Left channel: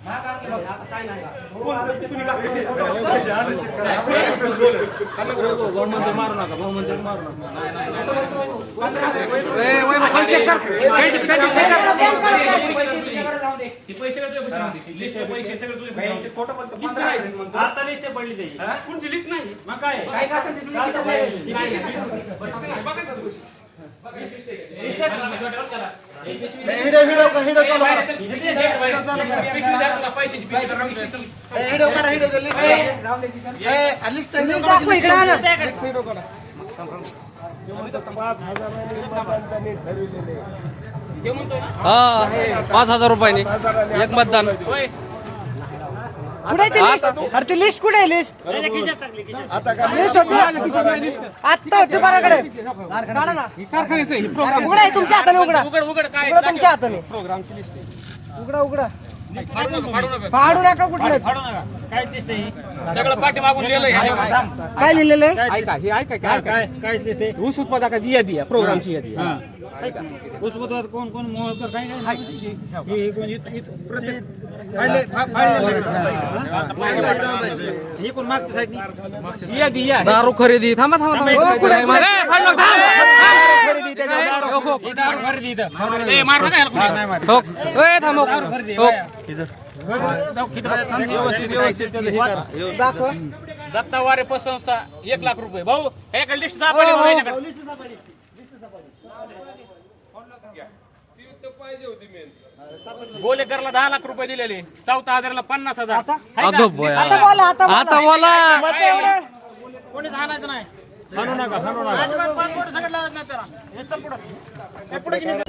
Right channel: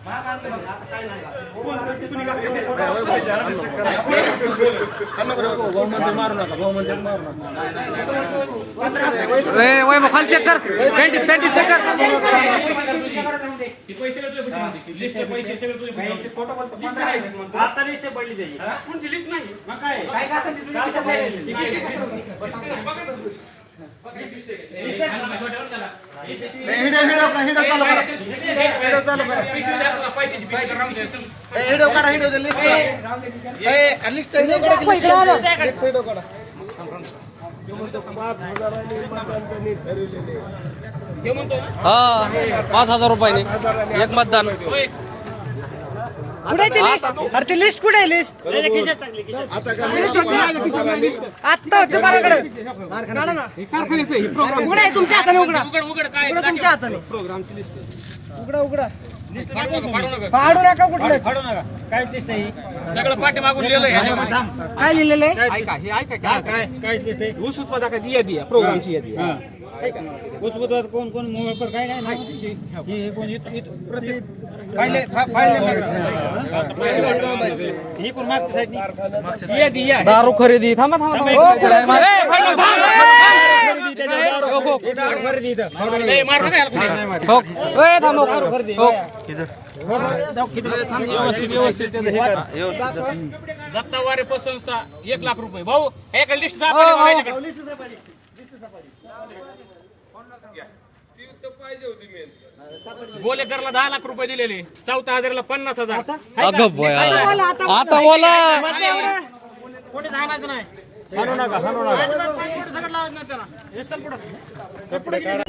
पैसे हे पंधरा हजार नाही काय मारू नका खाली चेक कर चेक कर आता लिस्ट पडली त्याची कोणची लिस्ट नाही मग. काय हिडो हिडो का हिडो चालू करा. हिडो चालू करा. हिडो काढा हिडो लिस्ट ए लिस्ट हिडो काढा हा पाच हजार रुपयाने. एक मतदान. कुठे ती लिस्ट अरे ती लिस्ट कुठे आहे लिस्ट लिस्ट होती. आत्ता होती बाराकडे. काढा ना. उघडा आहे तुमच्या हाताने उघडा. उघडा तुमच्या हाताने. उघडा उघडा. पाडू नका कुठलं. काय लिस्ट आहे सगळं पाठी मागून लिहिलंय काय लिहिलेलं आहे? काय काय लिस्ट आहे ऊस उत्पादकाची यादी आहे प्रोग्रामची यादी आहे. ऊस उत्पादक कोण कोण मोहकर काय नाही हे कोण इथं- इथं प्रत्येक फाडले फा- फाडले हे. कोण मागच्या साईडनी यादी आहे दारू खरेदी. थांबा थांबा थांबा. थांब. दारू- खरेदी. याला कुणी. हो. ए, थांब, हो. हो. दत्तावारे पतसंस्था एक लाख रुपये. भाऊ एक लिस्ट हो, हो. गोलेकरला दहा लाख रुपये दिलेले. चौथा हजारला पन्नास हजार. अगं बया. आता बोला नाही. अजिबात पाच बोटं सगळं लावायचं नाही त्याला. हे चल पुढं. हे पुढं गेली.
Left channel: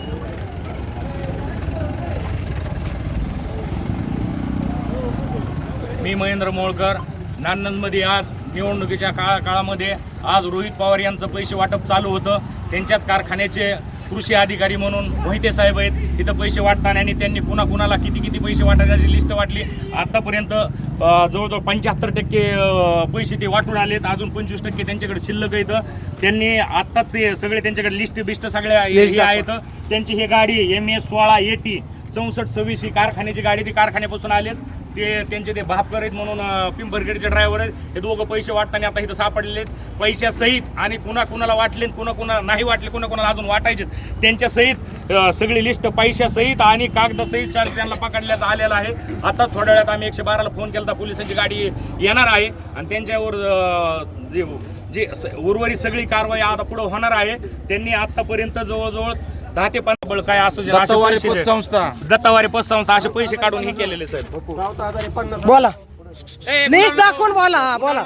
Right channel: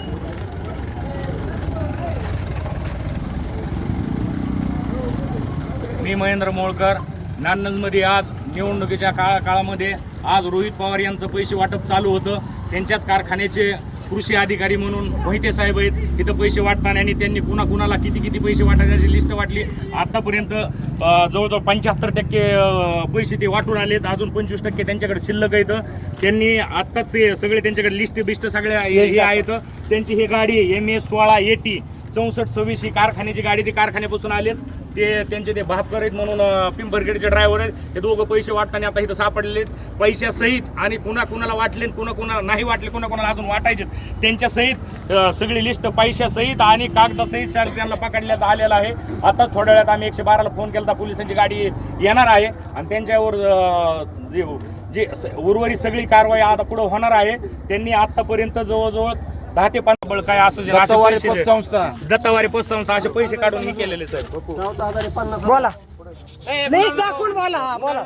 मी महेंद्र मोळकर. नान्नजमध्ये आज निवडणुकीच्या काळा काळामध्ये आज रोहित पवार यांचं पैसे वाटप चालू होतं. त्यांच्याच कारखान्याचे कृषी अधिकारी म्हणून मोहिते साहेब आहेत. तिथं पैसे वाटताना आणि त्यांनी कुणा कुणाला किती किती पैसे वाटायची लिस्ट वाटली. आतापर्यंत अं, जवळजवळ पंच्याहत्तर टक्के पैसे ते वाटून आलेत. अजून पंचवीस टक्के त्यांच्याकडे शिल्लक आहेत. त्यांनी आत्ताच ते सगळे त्यांच्याकडे लिस्ट बिस्ट सगळ्या हे हे आहेत. त्यांची ही गाडी एम एस सोळा एटी चौसष्ट सव्वीस ही कारखान्याची गाडी. ती कारखान्यापासून आलेत. ते त्यांचे ते भापकर आहेत म्हणून अं, ड्रायव्हर आहेत. ते दोघं पैसे वाटताना आता इथं सापडलेले आहेत. पैशासहित आणि कुणा कुणाला वाटले कुणा कुणाला नाही वाटले कुणा कुणाला अजून वाटायचे त्यांच्यासहित सगळी लिस्ट पैशासहित आणि कागदासहित सर त्यांना पकडण्यात आलेला आहे. आता थोड्या वेळात आम्ही एकशे बाराला फोन केला पोलिसांची गाडी येणार आहे. आणि त्यांच्यावर जे जे स- उर्वरित सगळी कारवाई आता पुढं होणार आहे. त्यांनी आत्तापर्यंत जवळजवळ दहा ते पंधरा बळ काय असू असे दत्तवारी पैसे पतसंस्था. दत्तावारी पतसंस्था असे पैसे काढून हे केलेले सर बोला. लिस्ट दाखवून बोला हा, बोला.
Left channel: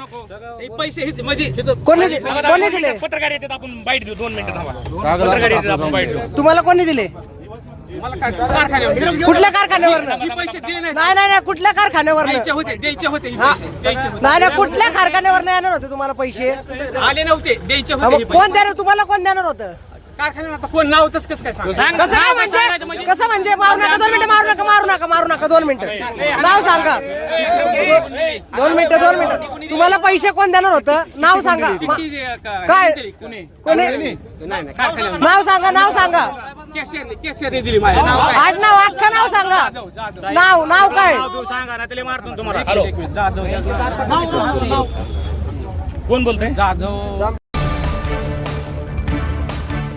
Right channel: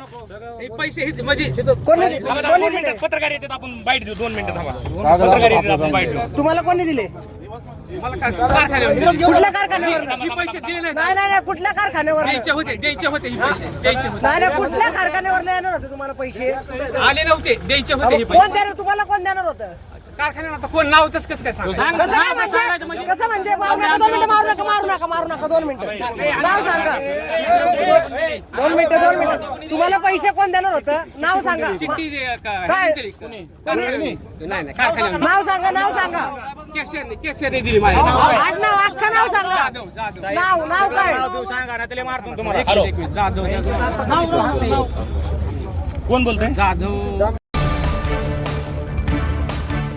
हे पैसे म्हणजे कोणी दि- कोणी दिले? पत्रकार येतात आपण बाईट देऊ. दोन मिनिटं थांबा. पत्रकार येतात आपण बाईट देऊ. तुम्हाला कोणी दिले? कुठल्या कारखान्यावर? हे पैसे दिले नाही नाही कुठल्या कारखान्यावर? द्यायचे होते द्यायचे होते हे पैसे द्यायचे होते. नाही नाही कुठल्या कारखान्यावर नाही येणार होते तुम्हाला पैसे? आले नव्हते द्यायचे होते हे कोण पैसे देणार? तुम्हाला कोण देणार होतं? कारखान्यावर आता कोण नाव तसं कसं काय सांग कसं काय म्हणजे? कसं म्हणजे? मारू नका दोन मिनिटं मारू नका मारू नका मारू नका दोन मिनिटं. नाव सांगा. दोन मिनिटं दोन मिनिटं. तुम्हाला पैसे कोण देणार होतं? नाव सांगा. काय? कोणी? नाही नाही कारखान्यावर नाव सांगा नाव सांगा. कॅशियर कॅशियरने दिली माझ्या आडनाव अख्खं नाव सांगा? नाव नाव काय? सांगा ना त्याला मारतो तुम्हाला. एक मिनिट, जाधव जाधव. कोण बोलतोय? जाधव.